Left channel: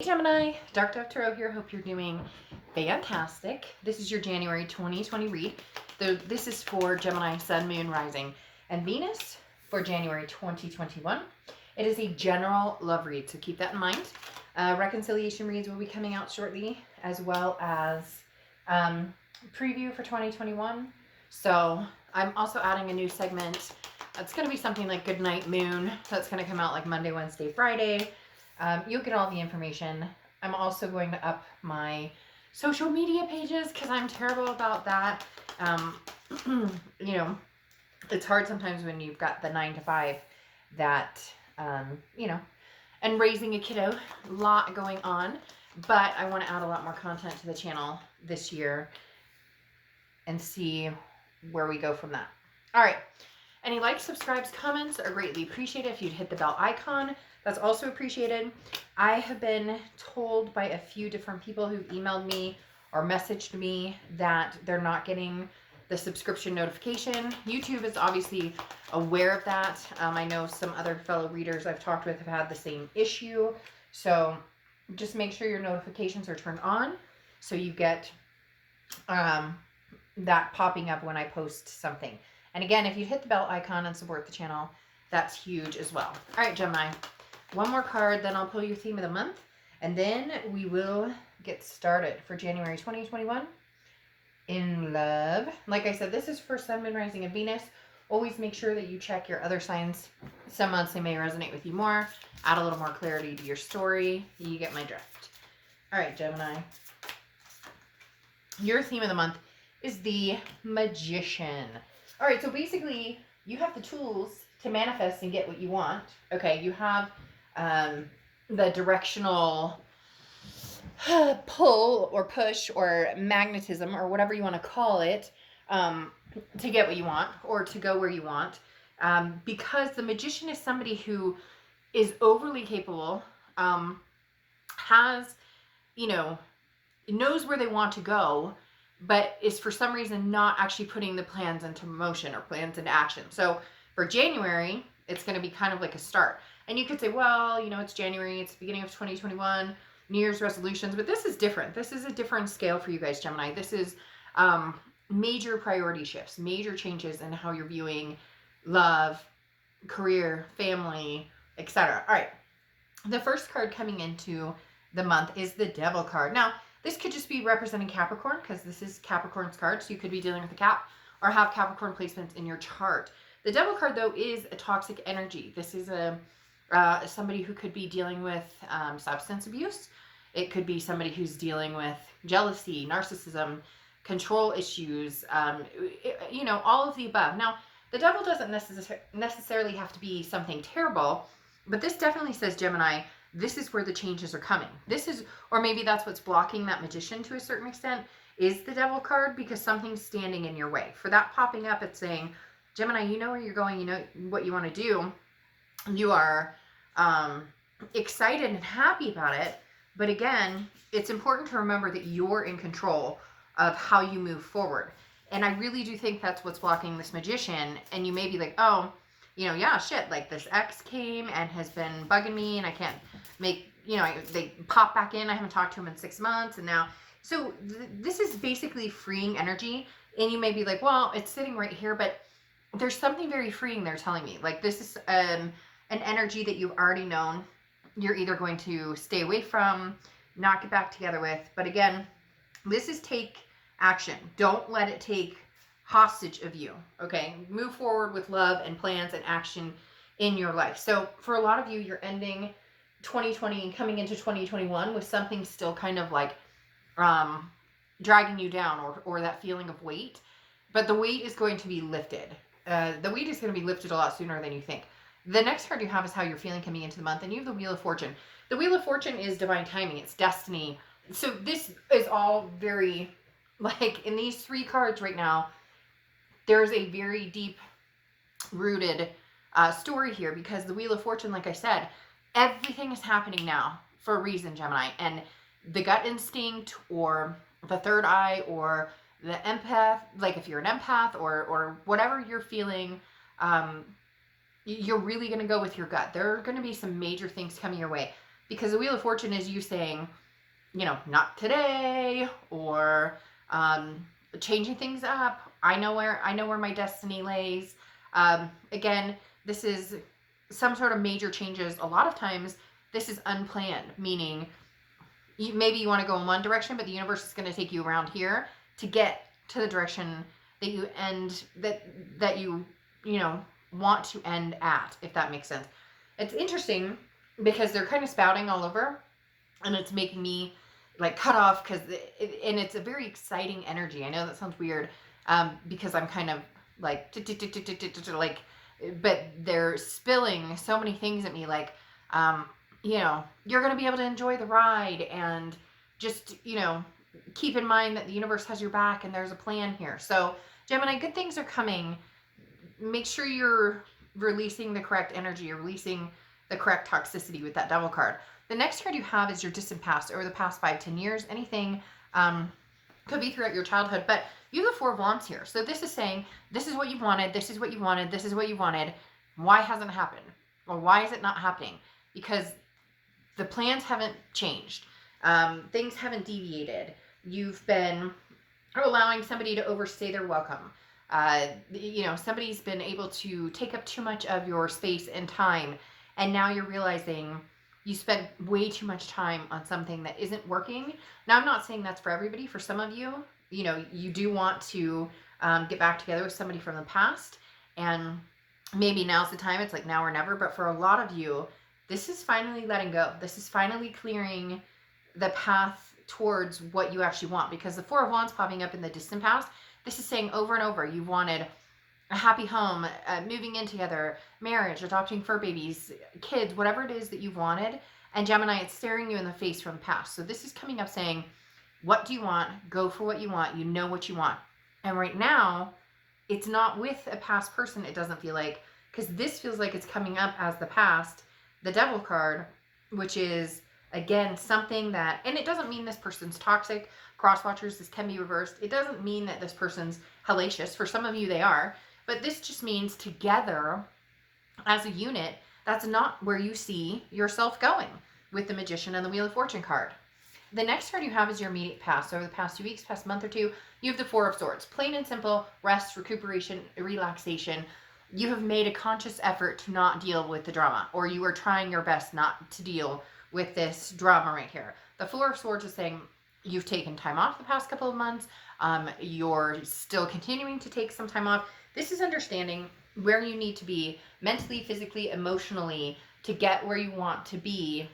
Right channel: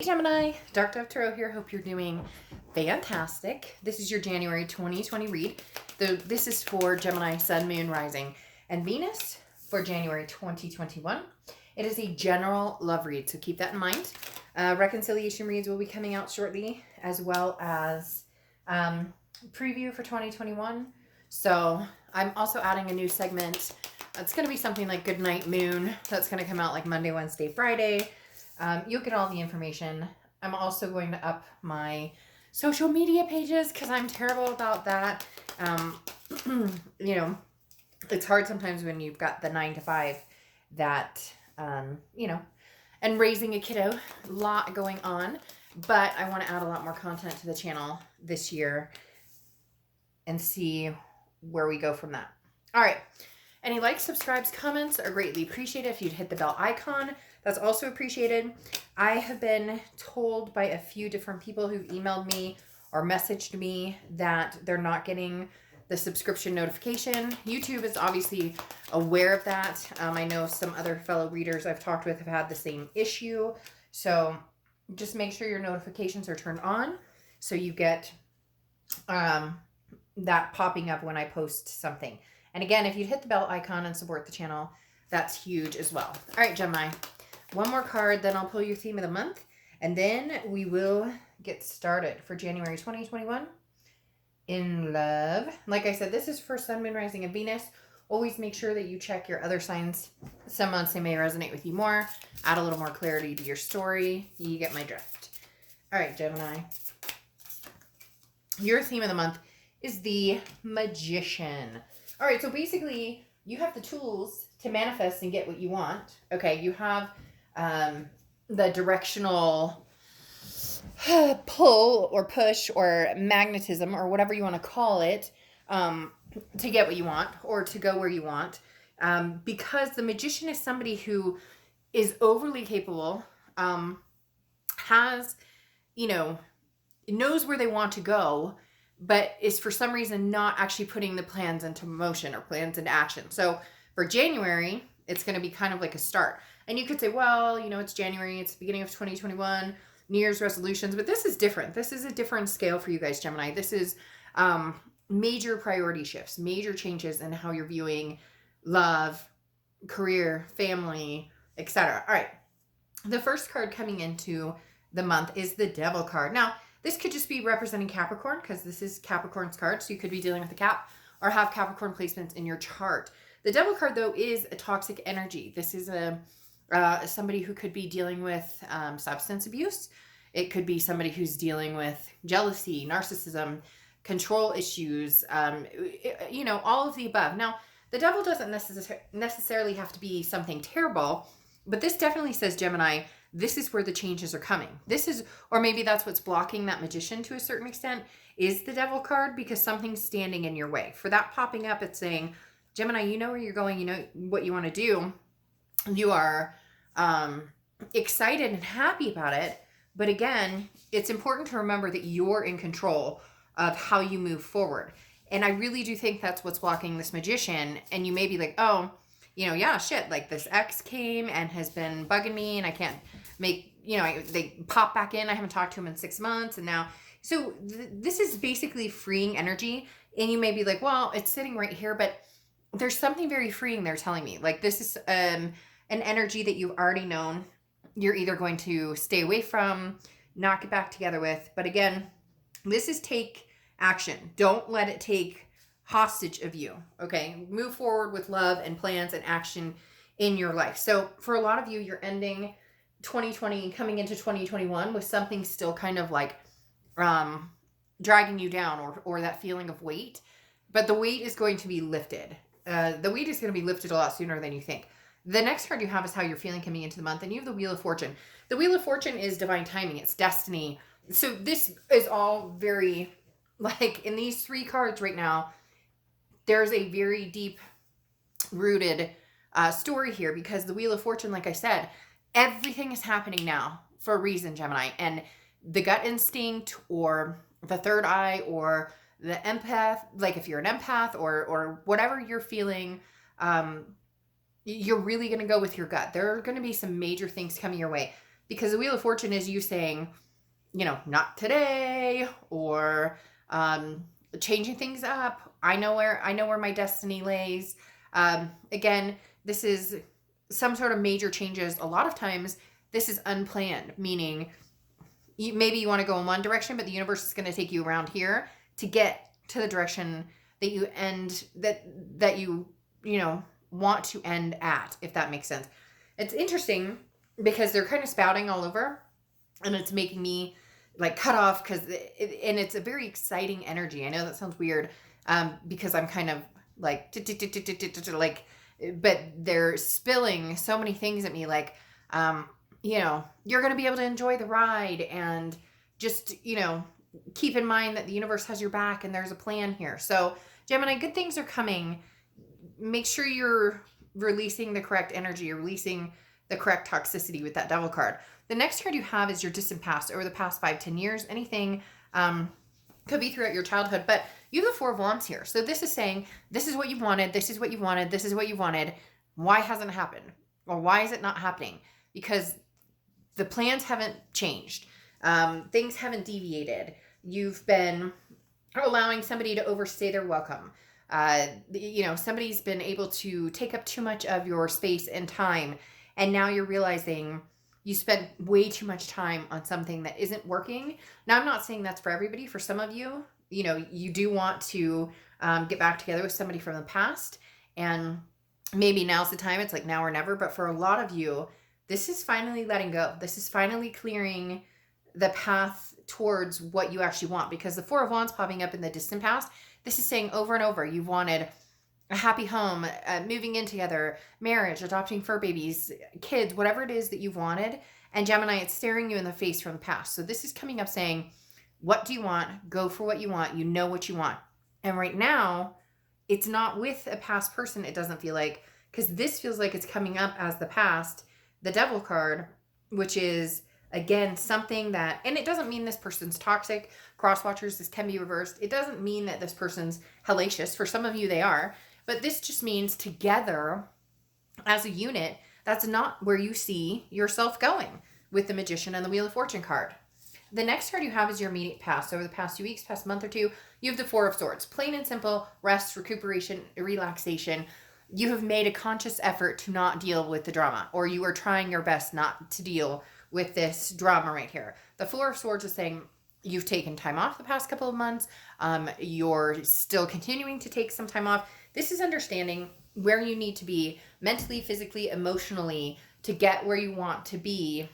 Hey Gemini, Dark Dove Tarot here. Hope you're doing fantastic. This is your January 2020 read. This is for Gemini, Sun, Moon, Rising, and Venus for January 2021. It is a general love read, so keep that in mind. Reconciliation reads will be coming out shortly, as well as preview for 2021. So I'm also adding a new segment. It's going to be something like Good Night Moon. That's going to come out like Monday, Wednesday, Friday. You'll get all the information. I'm also going to up my social media pages because I'm terrible about that. You know, it's hard sometimes when you've got the 9 to 5 that, and raising a kiddo, a lot going on. But I want to add a lot more content to the channel this year and see where we go from that. All right. Any likes, subscribes, comments are greatly appreciated. If you'd hit the bell icon, that's also appreciated. I have been told by a few different people who've emailed me or messaged me that they're not getting the subscription notification. YouTube is obviously aware of that. I know some other fellow readers I've talked with have had the same issue. So just make sure your notifications are turned on so you get that popping up when I post something. And again, if you hit the bell icon and support the channel, that's huge as well. All right, Gemini. One more card, then I'll pull your theme of the month, and then we will get started for January 2021 in love. Like I said, this is for Sun, Moon, Rising, and Venus. Always make sure that you check your other signs. Some months they may resonate with you more. Add a little more clarity to your story. You get my drift. All right, Gemini. Your theme of the month is the Magician. All right, so basically you have the tools to manifest and get what you want. Okay, you have the directional pull or push or magnetism or whatever you want to call it to get what you want or to go where you want. Because the Magician is somebody who is overly capable, has, knows where they want to go, but is for some reason not actually putting the plans into motion or plans into action. So for January, it's going to be kind of like a start. And you could say, well, it's January, it's the beginning of 2021, New Year's resolutions, but this is different. This is a different scale for you guys, Gemini. This is major priority shifts, major changes in how you're viewing love, career, family, etc. All right. The first card coming into the month is the Devil card. Now, this could just be representing Capricorn because this is Capricorn's card. So you could be dealing with a Cap or have Capricorn placements in your chart. The Devil card, though, is a toxic energy. This is somebody who could be dealing with substance abuse. It could be somebody who's dealing with jealousy, narcissism, control issues, all of the above. Now, the Devil doesn't necessarily have to be something terrible, but this definitely says, Gemini, this is where the changes are coming. Or maybe that's what's blocking that Magician to a certain extent, is the Devil card, because something's standing in your way. For that popping up, it's saying, Gemini, you know where you're going, you know what you want to do. You are excited and happy about it. But again, it's important to remember that you're in control of how you move forward. And I really do think that's what's blocking this Magician. And you may be like, oh, like this ex came and has been bugging me and I can't make, they pop back in. I haven't talked to him in 6 months. And now, so this is basically freeing energy. And you may be like, well, it's sitting right here, but there's something very freeing there telling me. Like this is an energy that you've already known you're either going to stay away from, not get back together with. But again, this is take action. Don't let it take hostage of you. Okay. Move forward with love and plans and action in your life. So for a lot of you, you're ending 2020 and coming into 2021 with something still kind of like dragging you down or that feeling of weight. But the weight is going to be lifted. The weight is going to be lifted a lot sooner than you think. The next card you have is how you're feeling coming into the month, and you have the Wheel of Fortune. The Wheel of Fortune is divine timing. It's destiny. So this is all very, like, in these 3 cards right now, there's a very deep-rooted story here, because the Wheel of Fortune, like I said, everything is happening now for a reason, Gemini. And the gut instinct or the third eye or the empath, like if you're an empath or whatever you're feeling, you're really going to go with your gut. There are going to be some major things coming your way. because the Wheel of Fortune is you saying, not today, or changing things up. I know where my destiny lays. Again, this is some sort of major changes. A lot of times this is unplanned, meaning maybe you want to go in one direction, but the universe is going to take you around here to get to the direction that you want to end at, if that makes sense. It's interesting because they're kind of spouting all over, and it's making me like cut off because it's a very exciting energy. I know that sounds weird, because I'm kind of like like, but they're spilling so many things at me, like, you're going to be able to enjoy the ride, and just, keep in mind that the universe has your back and there's a plan here. So Gemini, good things are coming. Make sure you're releasing the correct energy, you're releasing the correct toxicity with that Devil card. The next card you have is your distant past, over the past 5-10 years. Anything could be throughout your childhood, but you have the Four of Wands here. So this is saying, this is what you wanted, this is what you wanted, this is what you wanted. Why hasn't it happened? Or why is it not happening? Because the plans haven't changed. Things haven't deviated. You've been allowing somebody to overstay their welcome. Somebody's been able to take up too much of your space and time, and now you're realizing you spent way too much time on something that isn't working. Now, I'm not saying that's for everybody. For some of you, you do want to get back together with somebody from the past, and maybe now's the time. It's like now or never. But for a lot of you, this is finally letting go. This is finally clearing the path towards what you actually want, because the Four of Wands popping up in the distant past, this is saying over and over, you've wanted a happy home, moving in together, marriage, adopting fur babies, kids, whatever it is that you've wanted. And Gemini, it's staring you in the face from the past. So this is coming up saying, what do you want? Go for what you want. You know what you want. And right now, it's not with a past person, it doesn't feel like, because this feels like it's coming up as the past, the Devil card, which is, again, something that, and it doesn't mean this person's toxic. Cross watchers, this can be reversed. It doesn't mean that this person's hellacious. For some of you, they are. But this just means together, as a unit, that's not where you see yourself going with the Magician and the Wheel of Fortune card. The next card you have is your immediate past. Over the past 2 weeks, past month or two, you have the Four of Swords. Plain and simple, rest, recuperation, relaxation. You have made a conscious effort to not deal with the drama, or you are trying your best not to deal with this drama right here. The Four of Swords is saying you've taken time off the past couple of months. You're still continuing to take some time off. This is understanding where you need to be mentally, physically, emotionally to get where you want to be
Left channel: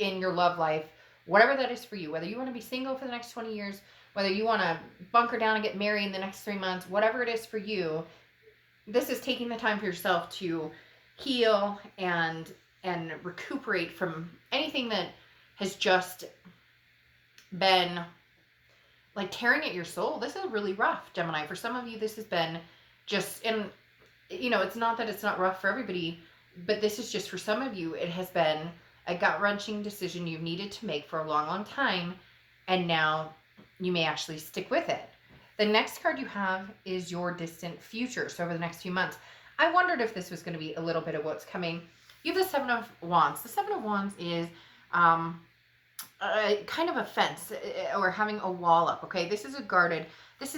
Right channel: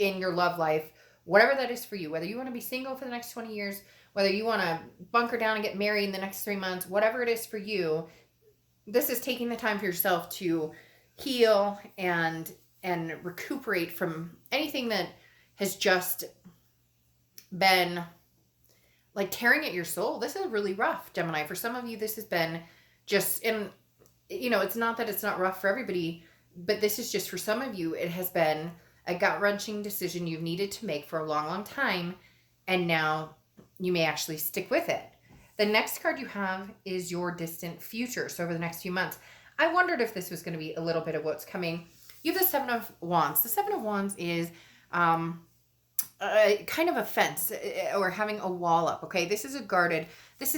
in your love life, whatever that is for you, whether you want to be single for the next 20 years, whether you want to bunker down and get married in the next 3 months, whatever it is for you, this is taking the time for yourself to heal and recuperate from anything that has just been like tearing at your soul. This is really rough, Gemini. For some of you, this has been just, and it's not that it's not rough for everybody, but this is just for some of you, it has been a gut-wrenching decision you've needed to make for a long, long time, and now you may actually stick with it. The next card you have is your distant future. So over the next few months, I wondered if this was going to be a little bit of what's coming. You have the Seven of Wands. The Seven of Wands is kind of a fence, or having a wall up, okay? This is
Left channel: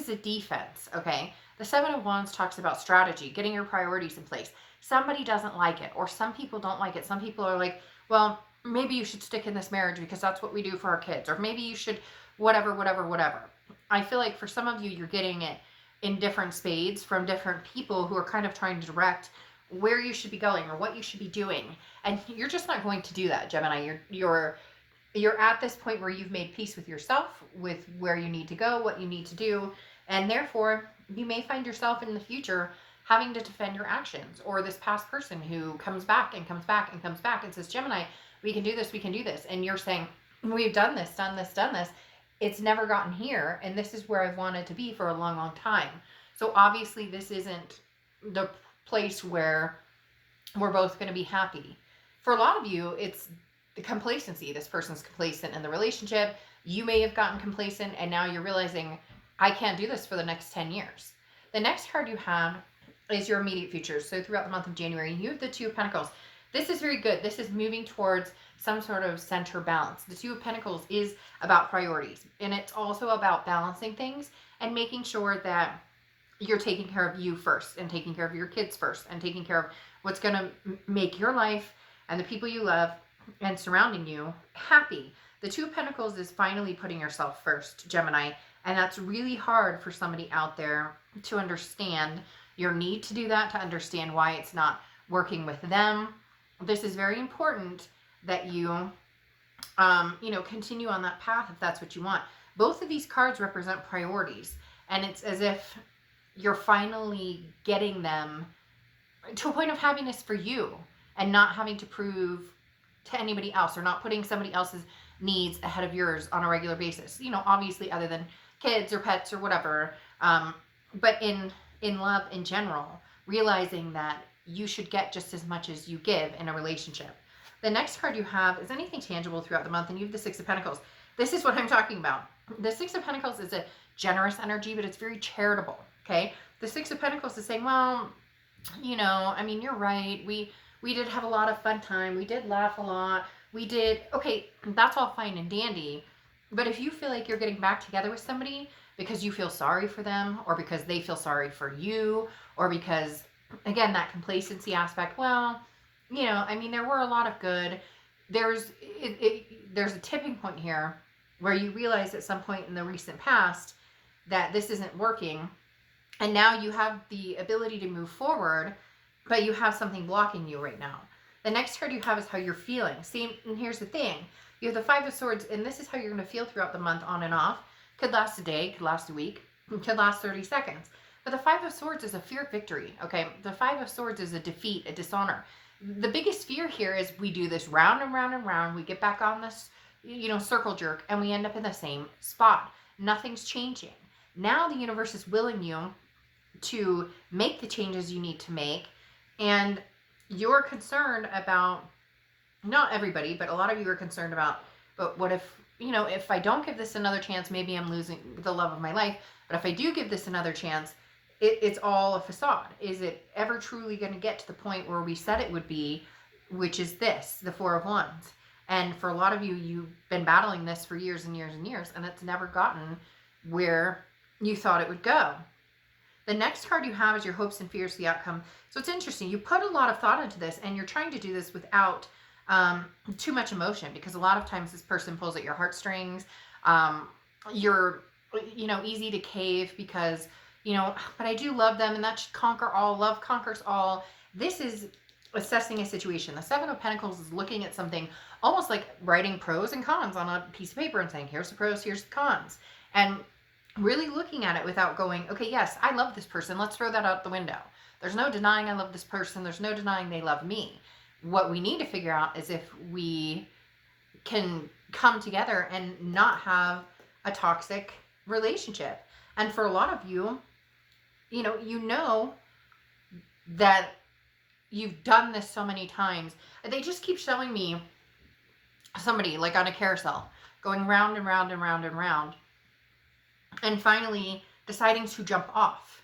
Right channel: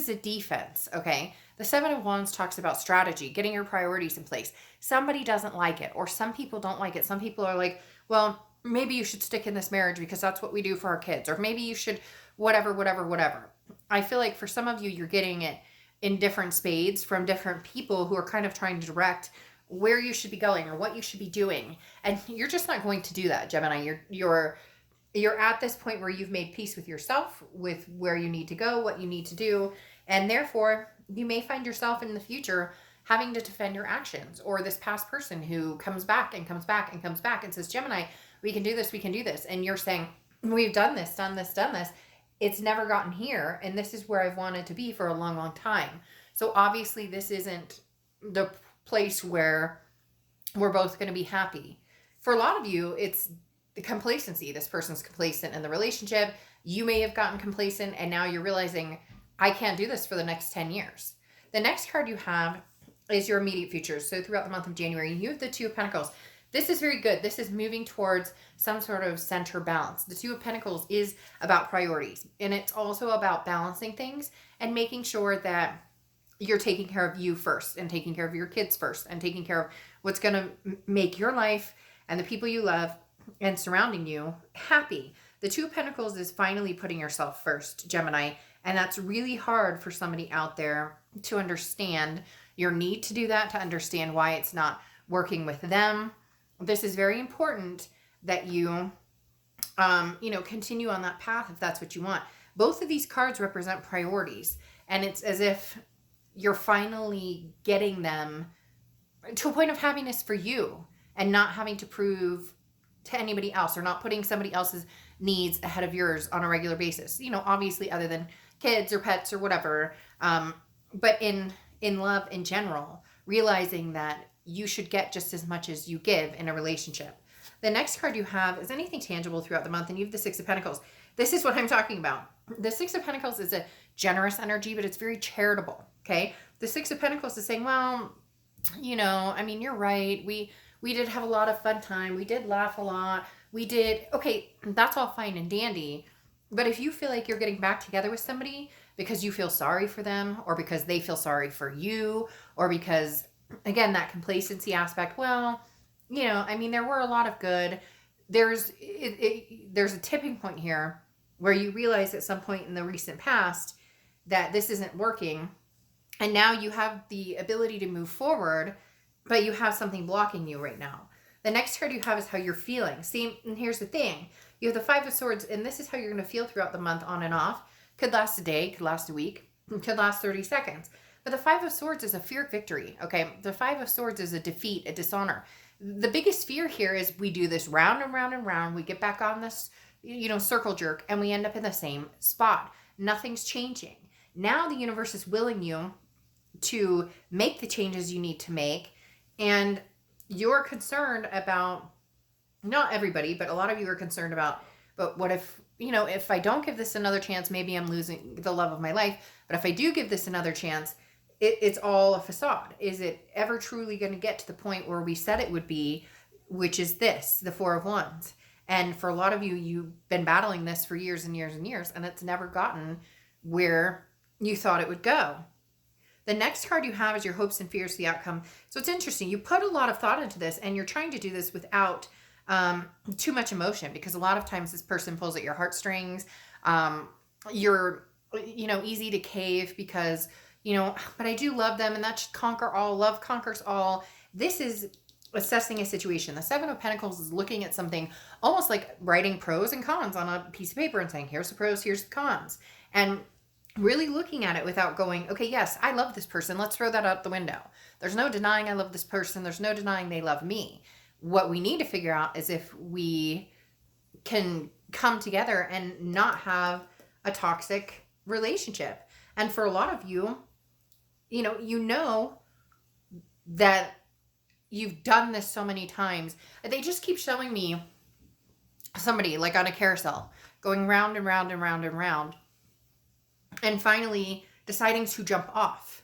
a defense, okay? The Seven of Wands talks about strategy, getting your priorities in place. Somebody doesn't like it, or some people don't like it. Some people are like, well, maybe you should stick in this marriage because that's what we do for our kids, or maybe you should whatever. I feel like for some of you, you're getting it in different spades from different people who are kind of trying to direct where you should be going or what you should be doing. And you're just not going to do that, Gemini. You're at this point where you've made peace with yourself, with where you need to go, what you need to do. And therefore, you may find yourself in the future having to defend your actions, or this past person who comes back and comes back and comes back and says, Gemini, we can do this. And you're saying, we've done this. It's never gotten here. And this is where I've wanted to be for a long, long time. So obviously this isn't the place where we're both going to be happy. For a lot of you, it's the complacency. This person's complacent in the relationship. You may have gotten complacent, and now you're realizing, I can't do this for the next 10 years. The next card you have is your immediate future. So throughout the month of January, you have the Two of Pentacles. This is very good. This is moving towards some sort of center balance. The Two of Pentacles is about priorities, and it's also about balancing things and making sure that you're taking care of you first, and taking care of your kids first, and taking care of what's going to make your life and the people you love and surrounding you happy. The Two of Pentacles is finally putting yourself first, Gemini, and that's really hard for somebody out there to understand your need to do that, to understand why it's not working with them. This is very important that you, continue on that path if that's what you want. Both of these cards represent priorities, and it's as if you're finally getting them to a point of happiness for you and not having to prove to anybody else, or not putting somebody else's needs ahead of yours on a regular basis. Obviously other than kids or pets or whatever. But in love in general, realizing that you should get just as much as you give in a relationship. The next card you have is anything tangible throughout the month, and you have the Six of Pentacles. This is what I'm talking about. The Six of Pentacles is a generous energy, but it's very charitable, okay? The Six of Pentacles is saying, well, you're right. We did have a lot of fun time. We did laugh a lot. Okay, that's all fine and dandy. But if you feel like you're getting back together with somebody because you feel sorry for them, or because they feel sorry for you, or because, again, that complacency aspect, there were a lot of good. There's a tipping point here where you realize at some point in the recent past that this isn't working. And now you have the ability to move forward, but you have something blocking you right now. The next card you have is how you're feeling. See, and here's the thing. You have the Five of Swords, and this is how you're going to feel throughout the month, on and off. Could last a day, could last a week, could last 30 seconds. But the Five of Swords is a fear of victory, okay? The Five of Swords is a defeat, a dishonor. The biggest fear here is we do this round and round and round. We get back on this, circle jerk, and we end up in the same spot. Nothing's changing. Now the universe is willing you to make the changes you need to make, and you're concerned about, not everybody, but a lot of you are concerned about, but what if, if I don't give this another chance, maybe I'm losing the love of my life. But if I do give this another chance, it's all a facade. Is it ever truly going to get to the point where we said it would be, which is this, the Four of Wands? And for a lot of you, you've been battling this for years and years and years, and it's never gotten where you thought it would go. The next card you have is your hopes and fears, the outcome. So it's interesting. You put a lot of thought into this, and you're trying to do this without too much emotion, because a lot of times this person pulls at your heartstrings. You're, easy to cave because, but I do love them, and that should conquer all. Love conquers all. This is assessing a situation. The Seven of Pentacles is looking at something almost like writing pros and cons on a piece of paper and saying, here's the pros, here's the cons. And really looking at it without going, okay, yes, I love this person. Let's throw that out the window. There's no denying I love this person. There's no denying they love me. What we need to figure out is if we can come together and not have a toxic relationship. And for a lot of you, that you've done this so many times. They just keep showing me somebody like on a carousel going round and round and round and round, and finally deciding to jump off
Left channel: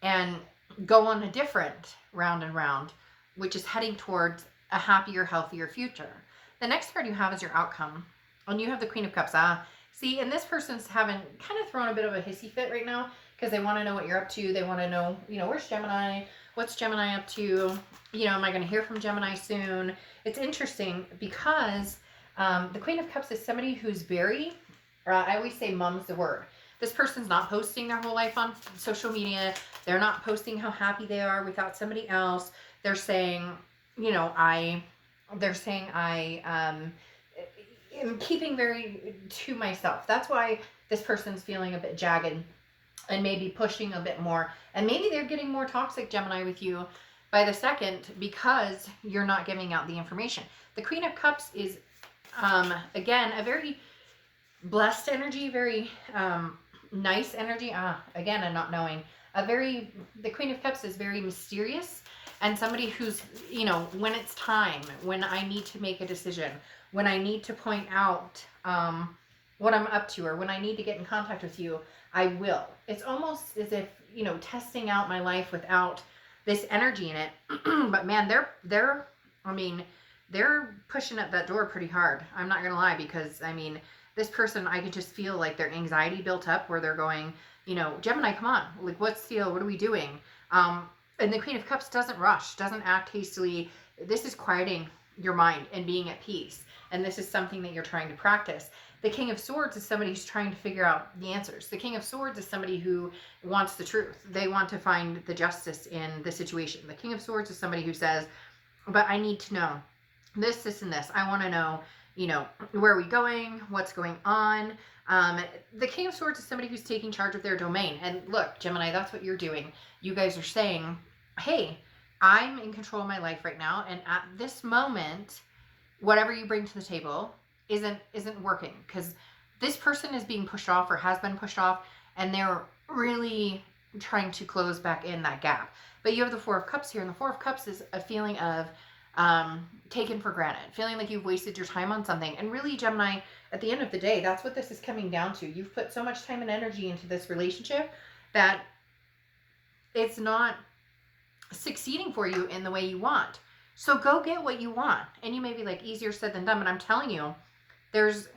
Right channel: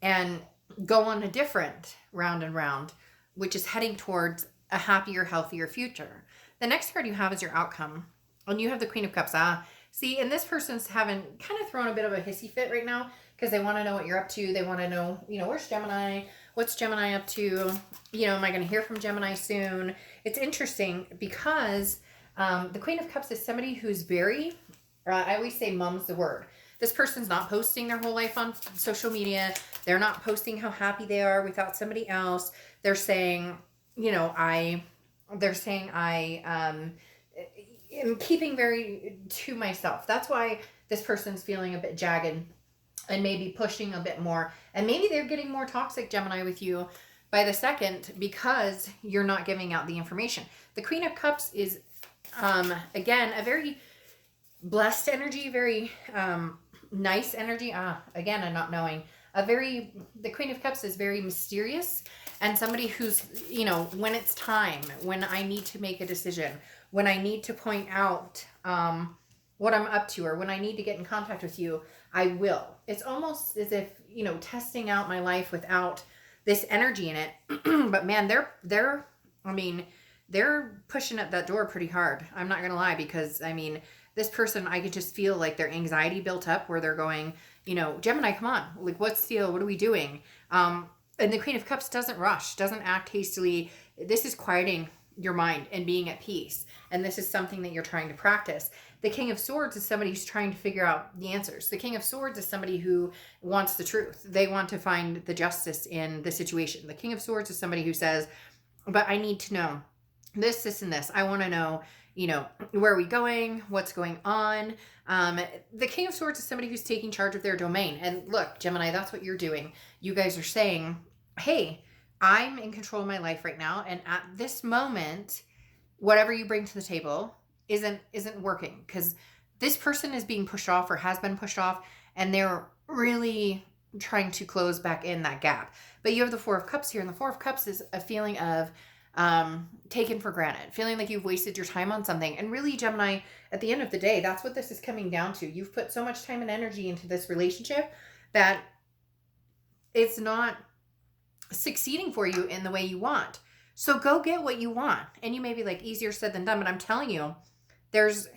and go on a different round and round, which is heading towards a happier, healthier future. The next card you have is your outcome, and you have the Queen of Cups. See, and this person's having kind of thrown a bit of a hissy fit right now because they want to know what you're up to. They want to know, where's Gemini? What's Gemini up to? Am I going to hear from Gemini soon? It's interesting because the Queen of Cups is somebody who's very, I always say mum's the word. This person's not posting their whole life on social media. They're not posting how happy they are without somebody else. They're saying, I am keeping very to myself. That's why this person's feeling a bit jagged and maybe pushing a bit more. And maybe they're getting more toxic, Gemini, with you by the second because you're not giving out the information. The Queen of Cups is, again, a very blessed energy, very nice energy. Again, I'm not knowing. The Queen of Cups is very mysterious, and somebody who's, when it's time, when I need to make a decision, when I need to point out what I'm up to, or when I need to get in contact with you, I will. It's almost as if, testing out my life without this energy in it. But man, they're I mean, they're pushing up that door pretty hard. I'm not going to lie, because I mean, this person, I could just feel like their anxiety built up where they're going, Gemini, come on. Like, what's the deal? What are we doing? And the Queen of Cups doesn't rush, doesn't act hastily. This is quieting your mind and being at peace. And this is something that you're trying to practice. The King of Swords is somebody who's trying to figure out the answers. The King of Swords is somebody who wants the truth. They want to find the justice in the situation. The King of Swords is somebody who says, but I need to know this, and this. I want to know, where are we going? What's going on? The King of Swords is somebody who's taking charge of their domain. And look, Gemini, that's what you're doing. You guys are saying, hey, I'm in control of my life right now. And at this moment, whatever you bring to the table isn't working, because this person is being pushed off or has been pushed off, and they're really trying to close back in that gap. But you have the Four of Cups here, and the Four of Cups is a feeling of taken for granted, feeling like you've wasted your time on something. And really, Gemini, at the end of the day, that's what this is coming down to. You've put so much time and energy into this relationship that it's not succeeding for you in the way you want. So go get what you want. And you may be like, easier said than done, but I'm telling you, there's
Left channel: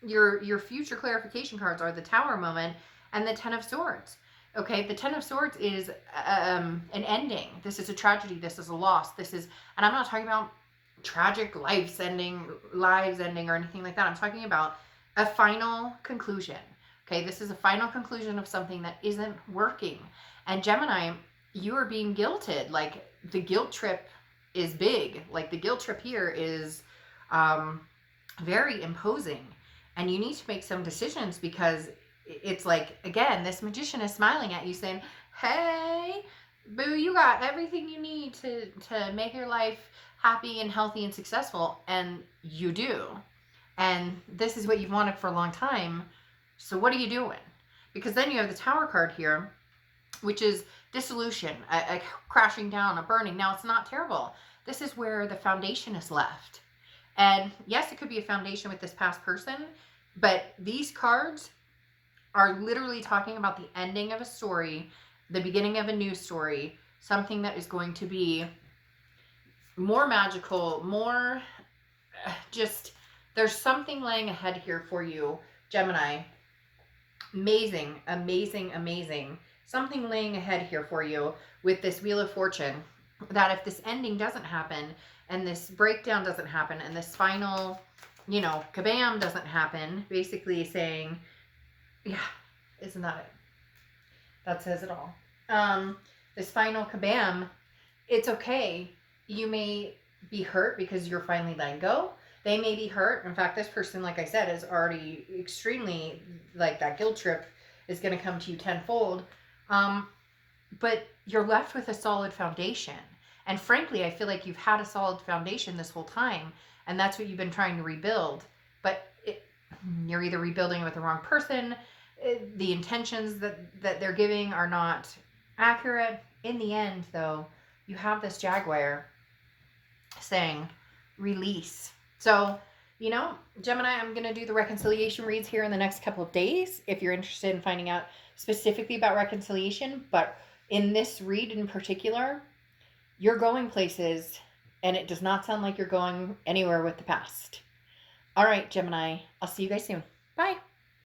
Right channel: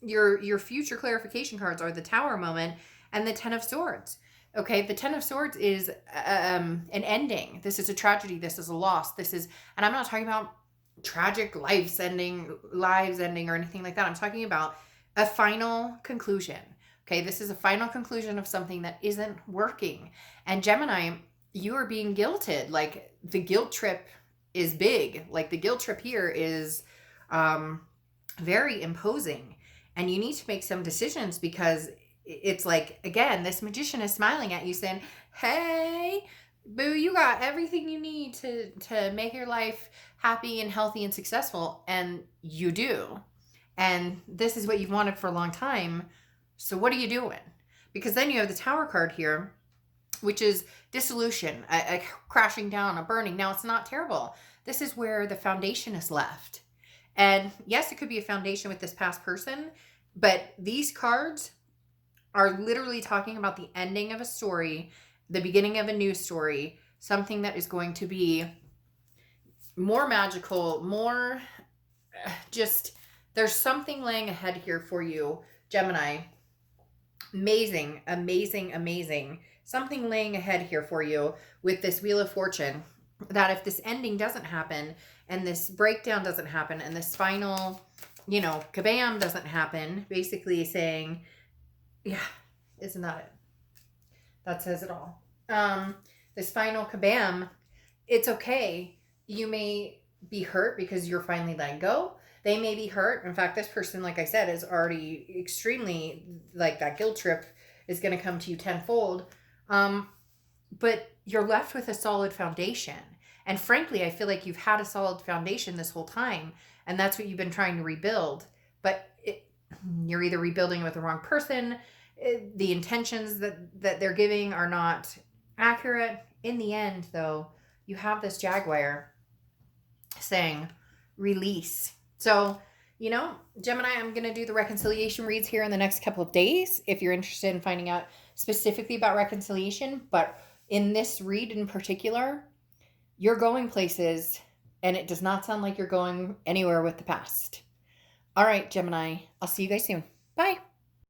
your future clarification cards are the Tower moment and the Ten of Swords. Okay, the Ten of Swords is an ending. This is a tragedy. This is a loss. And I'm not talking about tragic lives ending, or anything like that. I'm talking about a final conclusion. Okay, this is a final conclusion of something that isn't working. And Gemini, you are being guilted. Like, the guilt trip is big. Like, the guilt trip here is very imposing. And you need to make some decisions, because it's like, again, this magician is smiling at you saying, hey, boo, you got everything you need to make your life happy and healthy and successful. And you do. And this is what you've wanted for a long time. So what are you doing? Because then you have the Tower card here, which is dissolution, a crashing down, a burning. Now, it's not terrible. This is where the foundation is left. And yes, it could be a foundation with this past person, but these cards are literally talking about the ending of a story, the beginning of a new story, something that is going to be more magical, more just, there's something laying ahead here for you, Gemini. Amazing, amazing, amazing. Something laying ahead here for you with this Wheel of Fortune, that if this ending doesn't happen, and this breakdown doesn't happen, and this final, kabam doesn't happen, basically saying, yeah, isn't that it? That says it all. This final kabam, it's okay. You may be hurt because you're finally letting go. They may be hurt. In fact, this person, like I said, is already extremely, like, that guilt trip is going to come to you tenfold. But you're left with a solid foundation. And frankly, I feel like you've had a solid foundation this whole time, and that's what you've been trying to rebuild. But you're either rebuilding it with the wrong person, the intentions that they're giving are not accurate. In the end, though, you have this Jaguar saying, release. So, Gemini, I'm going to do the reconciliation reads here in the next couple of days if you're interested in finding out specifically about reconciliation. But in this read in particular, you're going places, and it does not sound like you're going anywhere with the past. All right, Gemini, I'll see you guys soon. Bye.